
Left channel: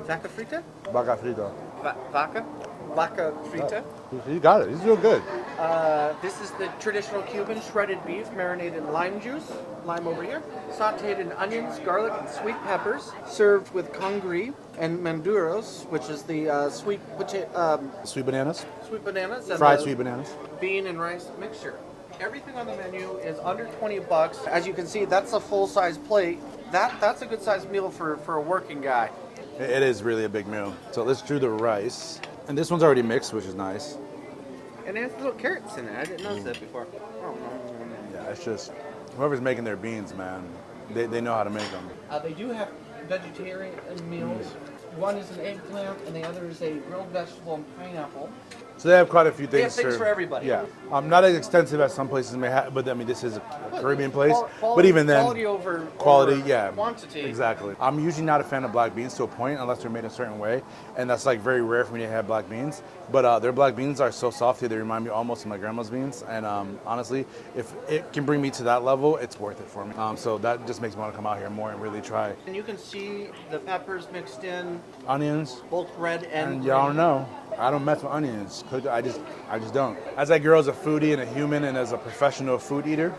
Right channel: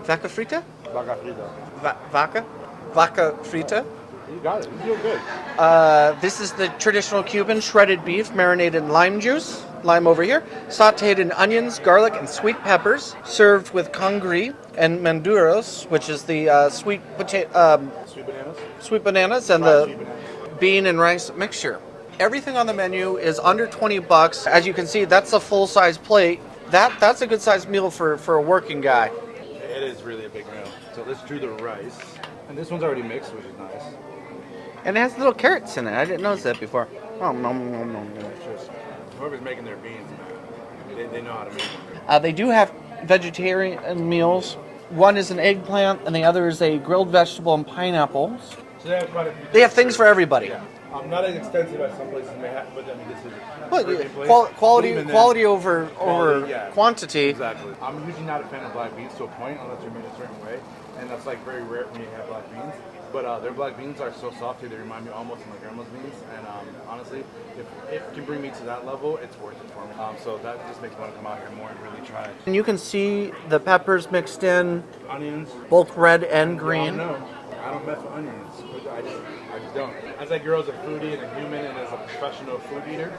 Vaca Frita? Vaca Frita. Vaca Frita. You got it. This is real good. This is the traditional Cuban shredded beef marinated in lime juice, lime over here, sauteed in onions, garlic, and sweet peppers, served with congri and manduros, which is the sweet Sweet bananas. and Fried the sweet bananas. bean and rice mixture. Everything on the menu is under $20. As you can see, that's a full-size plate. That's a good-sized meal for a working guy. It is really a big meal. So let's do the rice. And this one's already mixed, which is nice. And it has little carrots in it. I didn't notice that before. Oh, Yeah, it's just, whoever's making their beans, man, they know how to make them. They do have vegetarian meals. One is an eggplant, and the other is a grilled vegetable and pineapples. So they have quite a few things. They have things served. for everybody. Yeah. Not as extensive as some places may have, but I mean, this is a Caribbean place. Quality, but even then, quality over yeah. quantity. Exactly. I'm usually not a fan of black beans to a point, unless they're made a certain way, and that's like very rare for me to have black beans. But their black beans are so soft, they remind me almost of my grandma's beans. And honestly, if it can bring me to that level, it's worth it for me. So that just makes me want to come out here more and really try. And you can see the peppers mixed in, Onions. both red and green. Y'all know, I don't mess with onions. I just don't. As I grow as a foodie and a human and as a professional food eater.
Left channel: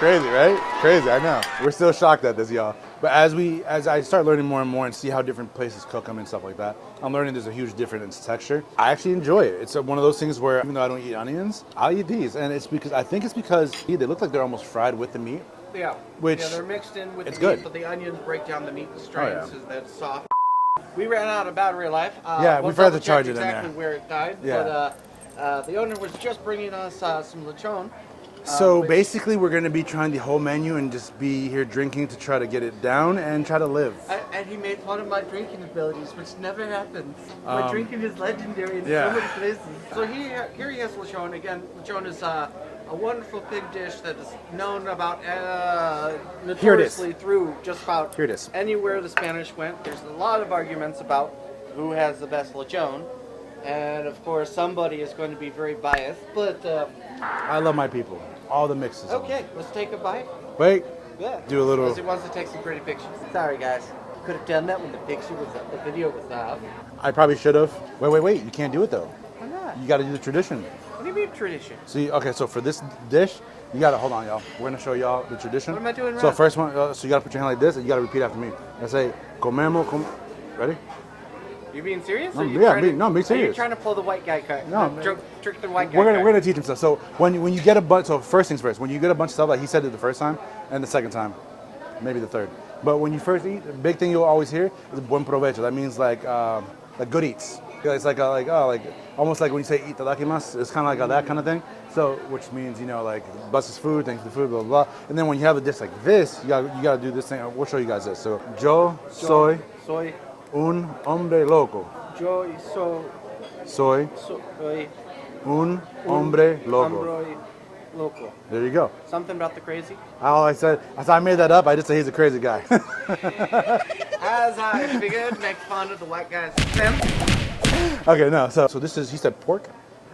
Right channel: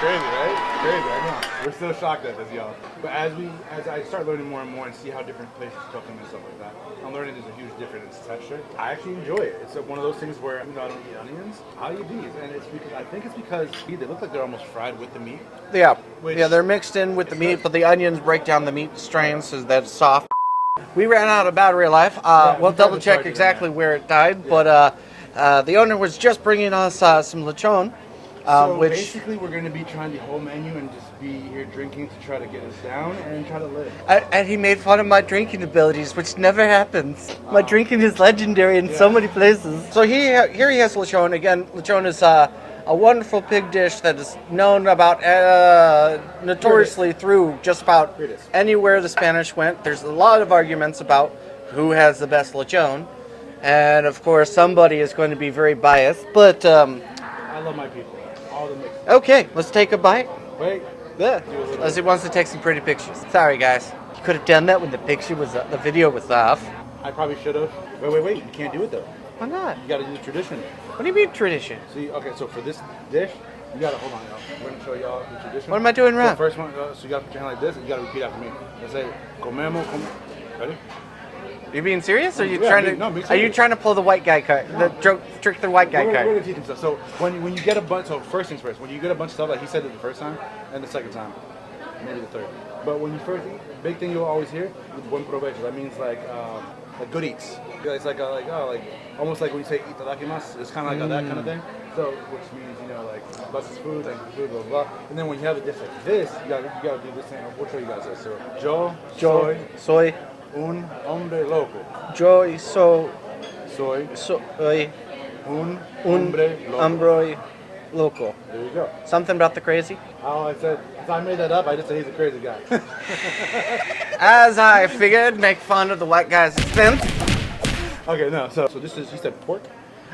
Crazy, right? Crazy, I know. We're still shocked at this, y'all. But as I start learning more and more and see how different places cook them and stuff like that, I'm learning there's a huge difference in texture. I actually enjoy it. It's one of those things where even though I don't eat onions, I'll eat these. And it's because, I think it's because they look like they're almost fried with the meat. Yeah, Which- they're mixed in with the it's meat, good. but the onions break down the meat strains Oh, so that it's soft. We ran out of battery life. Yeah, We'll we've had double to check charge it in exactly there. where it died, Yeah. but the owner was just bringing us some lechon. So which- basically, we're going to be trying the whole menu and just be here drinking to try to get it down and try to live. And he made fun of my drinking abilities, which never happens. My drinking is legendary in so yeah. many places. So here he has lechon. Again, lechon is a wonderful pig dish that is known about notoriously through just about Here it is. anywhere the Spanish went. There's a lot of arguments about who has the best lechon. And of course, somebody is going to be very biased. But I love my people. All the mixes. okay, let's take a bite. Wait. Yeah. Do a little. As he wants to take some pretty pictures. Sorry, guys. You could have done that when the video was off. I probably should have. Wait. You can't do it though. Why not? You got to do the tradition. What do you mean tradition? See, okay, so for this dish, you got to, hold on, y'all. We're going to show y'all the tradition. What am I doing So wrong? first one, so you got to put your hand like this, and you got to repeat after me. I say, comemos, ready? You being serious? Are you Yeah, trying me- to? no, me Are you serious. trying to pull the white guy card? No. Trick the white guy We're card. going to teach him stuff. So when you get a bunch, so first things first, when you get a bunch of stuff, like he said it the first time, and the second time, maybe the third. But when you first eat, the big thing you'll always hear is buen provecho. That means like good eats. It's like almost like when you say itadakimasu, it's kind of like that kind of thing. So, which means, like, bless his food, thanks for food, blah, blah, blah. And then when you have a dish like this, you gotta do this thing. We'll show you guys this. So, yo soy un hombre loco. Soy un hombre loco. Loco. There you go. Something about the crazy. I said I made that up. I just say he's a crazy guy. As I figured, make fun of the white guy's sense. Okay, no. So this is, he said pork.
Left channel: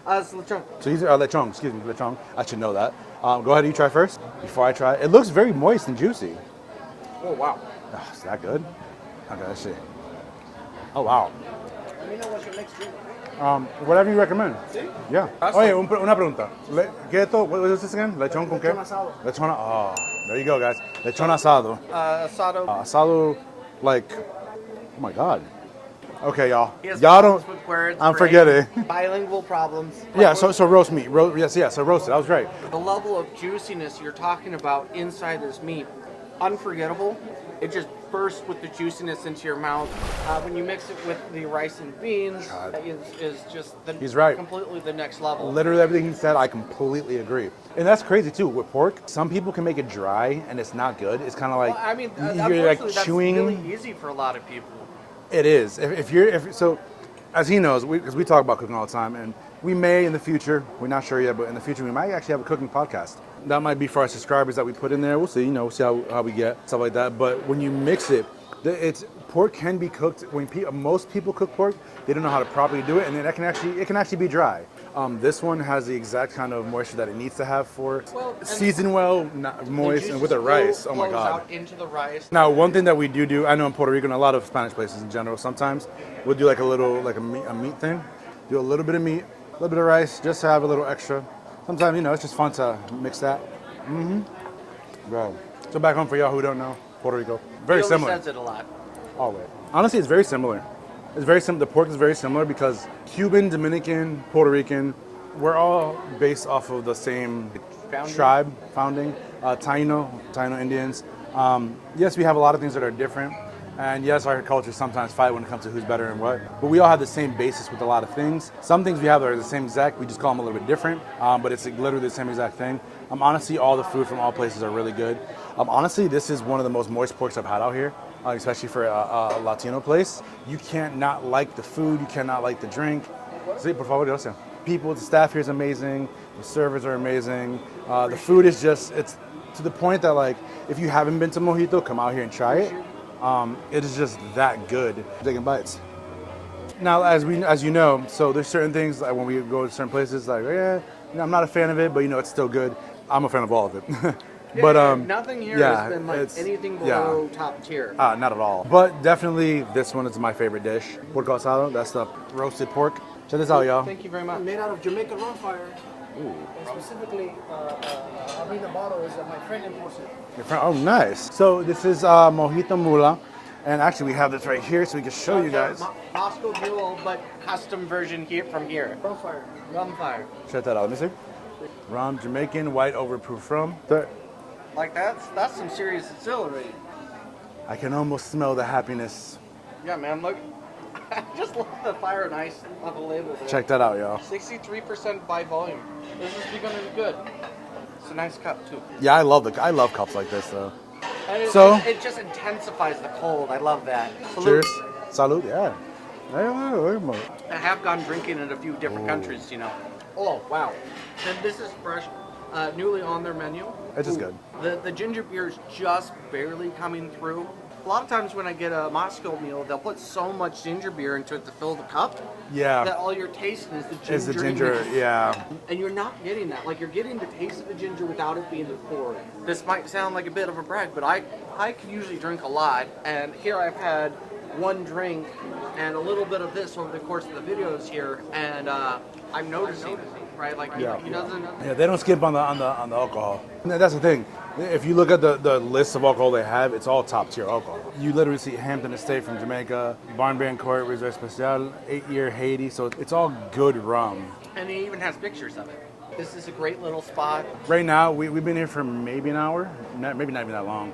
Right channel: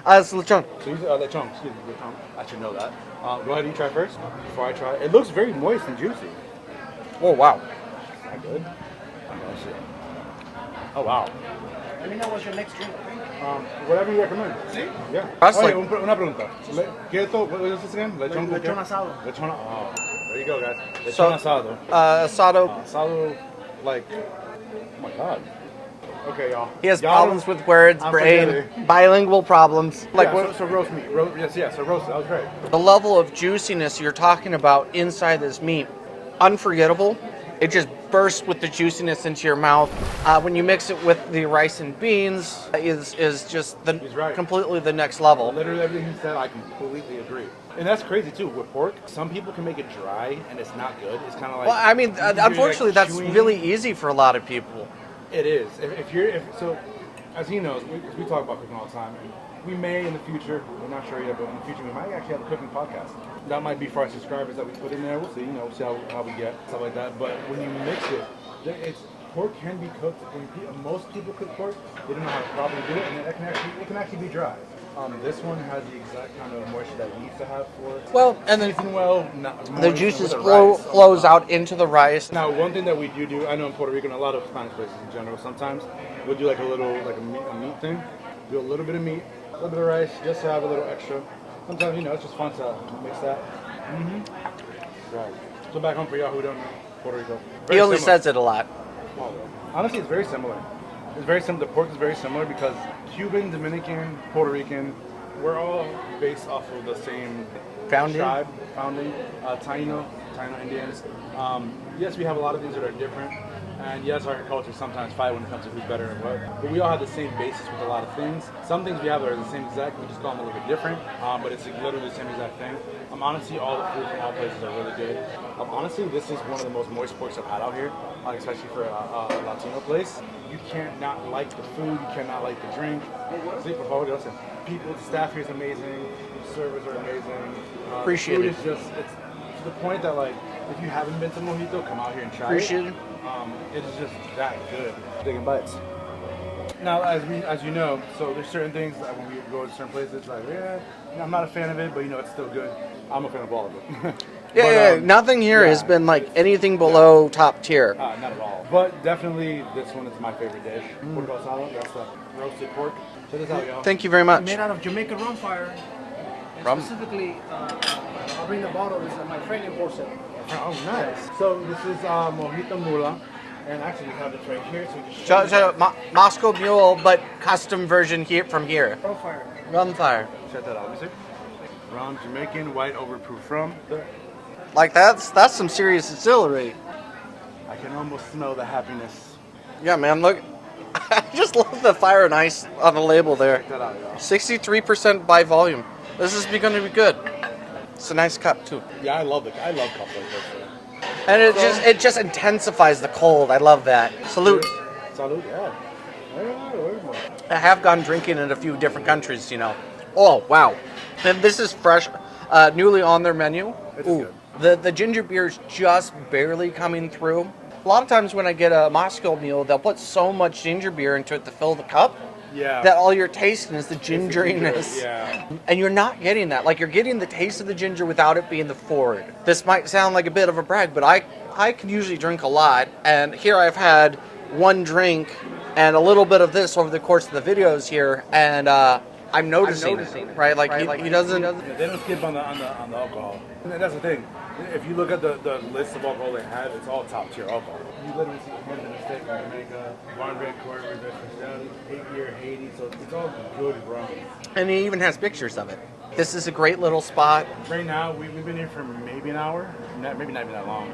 It's lechon. So he's lechon. Excuse me, lechon. I should know that. Go ahead, you try first before I try. It looks very moist and juicy. Oh wow. Oh, is that good? Okay, let's see. Oh wow. Let me know what's your next drink. Whatever you recommend. Sí? Yeah. Awesome. Oye, una pregunta. ¿Qué esto? What is this again? Lechon con qué? Lechon asado. Lechon. Oh, there you go, guys. Lechon asado. Asado. Asado, like, oh my God. Okay, y'all. He has y'all problems don't- with words. I'm brain, forgetting. Bilingual problems. Yeah, Like, so roast meat. So roasted. That was great. the level of juiciness you're talking about inside this meat, unforgettable. It just bursts with the juiciness into your mouth. When you mix it with the rice and beans, is just He's right. completely the next level. Literally everything he said, I completely agree. And that's crazy too. With pork, some people can make it dry and it's not good. It's kind of like. Well, I mean, you're, unfortunately, like, that's chewing. really easy for a lot of people. It is. So, as he knows, because we talk about cooking all the time, and we may in the future, we're not sure yet, but in the future we might actually have a cooking podcast. That might be for our subscribers that we put in there. We'll see. We'll see how we get stuff like that. But when you mix it, pork can be cooked. When most people cook pork, they don't know how to properly do it, and then it can actually be dry. This one has the exact kind of moisture that it needs to have for it. Well, and seasoned well, the juices with the rice. flows out into the rice. Now, one thing that we do, I know in Puerto Rico and a lot of Spanish places in general, sometimes we'll do like a meat thing. Do a little bit of meat, a little bit of rice, just to have a little extra. Sometimes, it's just fun to mix that. Right. So back home for y'all who don't know, Puerto Rico. He only says it a lot. Always. Honestly, it's very similar. It's very similar. The pork is very similar because Cuban, Dominican, Puerto Rican, we're all based off of the same tribe, founding. Taino Indians. Yes, we have a lot of things that are different. And yes, our cultures sometimes fight when it comes to who's better and what. But we all have the same basis with a lot of things. Some things we have are the same exact. We just call them a little bit different. But it's literally the same exact thing. Honestly, all the food from all places are really good. Honestly, this is one of the most moist porks I've had out here, especially for a Latino place. You can't not like the food. You cannot like the drink. Sí, por favor, gracias. People, the staff here is amazing. The servers are amazing. The food is it's to the point that, like, if you haven't been to Mojito, come out here and try it. It is just that good. Taking bites. Now, as you know, so there's certain things like when we go to certain places, like, I'm not a fan of it, but it's still good. I'm a fan of all of it. Nothing here has been like anything below top tier. Not at all. But definitely, this one is my favorite dish. Mojito Asado. That's the roasted pork. Check this out, y'all. Thank you very much. Made out of Jamaican rum fire. Rum? Specifically, I'll bring the bottles that my friend imports it. Oh, nice. So this is Mojito Mula. And actually, we have this right here, so we can show you guys. Moscow Mule, but custom version from here. Rum fire. Rum fire. Check that out. Let me see. Rum, Jamaican, white overproof rum. Like that's some serious distillery. I can almost smell the happiness. Yeah, man, look. I just love the fire and ice on the label there. Check that out, y'all. 63% by volume. This is going to be good. It's a nice cup too. Yeah, I love cups like this, though. And it just intensifies the cold. I love that. Salute. Cheers. Salute, yeah. I have gone drinking in a few different countries, Oh, wow. And this is fresh, newly on their menu. It's just good. The ginger beer is just barely coming through. A lot of times when I get a Moscow Mule, they'll put so much ginger beer into it to fill the cup that all you're tasting is the gingeriness. Yeah. And you're not getting that. Like, you're getting the taste of the ginger without it being the forward. This might sound like a bit of a brag, but I can usually drink a lot. And here I've had one drink and a little bit of this over the course of the videos here. And I'm noticing it, right? Like, he doesn't... Yeah, they don't skip on the alcohol. That's the thing. If you look at the list of alcohol they have, it's all top tier alcohol. You literally see Hampton Estate from Jamaica, Barnbank Court, Reserve Special, 8-year Haiti, so it's all good rum. And he even has pictures of it. This is a great little spot. Right now, we've been here for maybe an hour, maybe not even that long,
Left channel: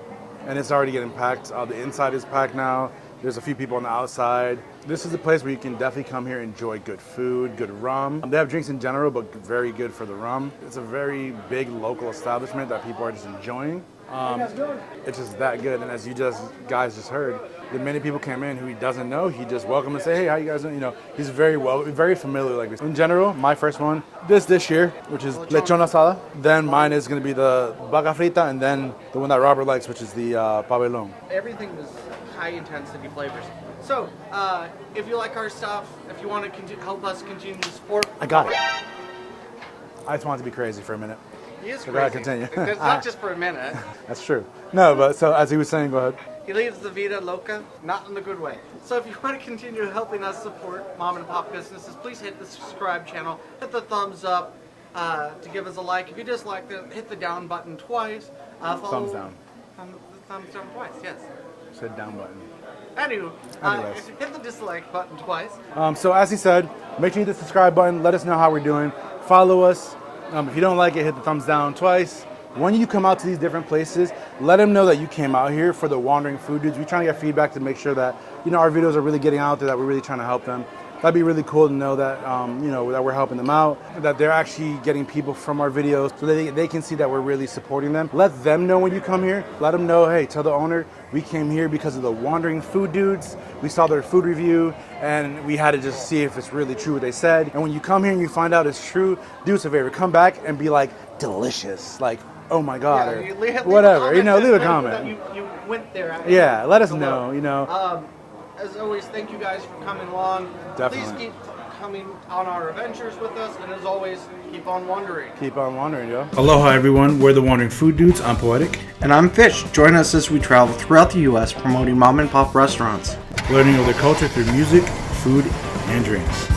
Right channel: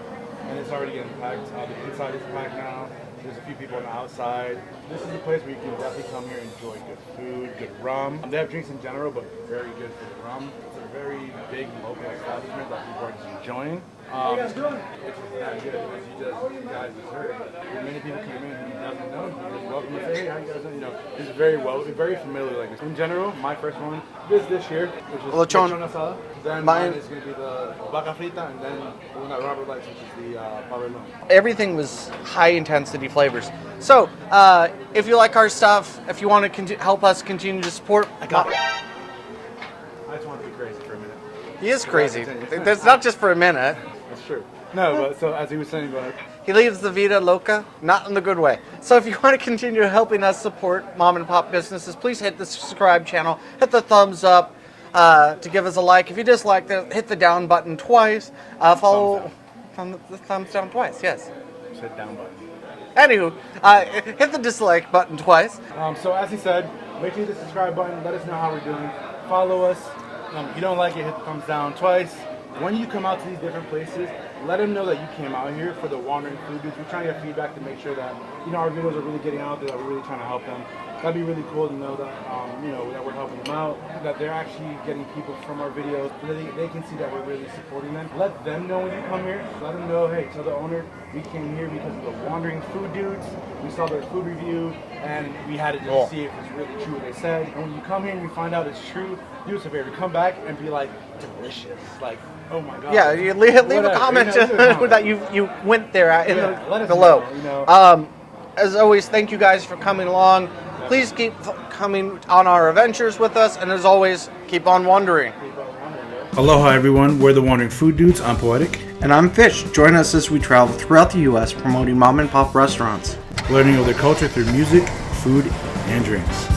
and it's already getting packed. The inside is packed now. There's a few people on the outside. This is a place where you can definitely come here and enjoy good food, good rum. They have drinks in general, but very good for the rum. It's a very big local establishment that people are just enjoying. How you guys doing? It's just that good, and as you guys just heard, when many people came in who he doesn't know, he just welcome and say, hey, how you guys doing? He's very familiar like this. In general, my first one, this dish here, which is Lechon Asado. Then mine is going to be the Vaca Frita, and then the one that Robert likes, which is the Pabellón. Everything was high intensity flavors. So, if you like our stuff, if you want to help us continue to support, I got it. I just wanted to be crazy for a minute. He is crazy. That's not just for a minute. That's true. No, but so as he was saying, go ahead. He leaves the vida loca, not in the good way. So if you want to continue helping us support mom and pop businesses, please hit the subscribe channel, hit the thumbs up to give us a like. If you dislike that, hit the down button twice. Follow the thumbs down twice. Yes. Said down button. Anywho, hit the dislike button twice. So as he said, make sure you hit the subscribe button. Let us know how we're doing. Follow us. If you don't like it, hit the thumbs down twice. when you come out to these different places, let them know that you came out here for the Wandering Food Dudes. We're trying to get feedback to make sure that, you know, our videos are really getting out there, that we're really trying to help them. That'd be really cool to know that, you know, that we're helping them out, that they're actually getting people from our videos so that they can see that we're really supporting them. Let them know when you come here. Let them know, hey, tell the owner, we came here because of the Wandering Food Dudes. We saw their food review and we had to just see if it's really true what they said. And when you come here and you find out it's true, do us a favor, come back and be like, delicious. Like, oh my God. Yeah, you leave a comment, you know, leave a comment. that you went there at. Yeah, let us below. know, you know. As always, thank you guys for coming along. Definitely. Please keep coming on our adventures with us, and as always, keep on wandering. Keep on wandering, yo. Aloha everyone, we're the Wandering Food Dudes. I'm Poetic. And I'm Fish. Join us as we travel throughout the U.S. promoting mom and pop restaurants. Learning of their culture through music, food, and drinks.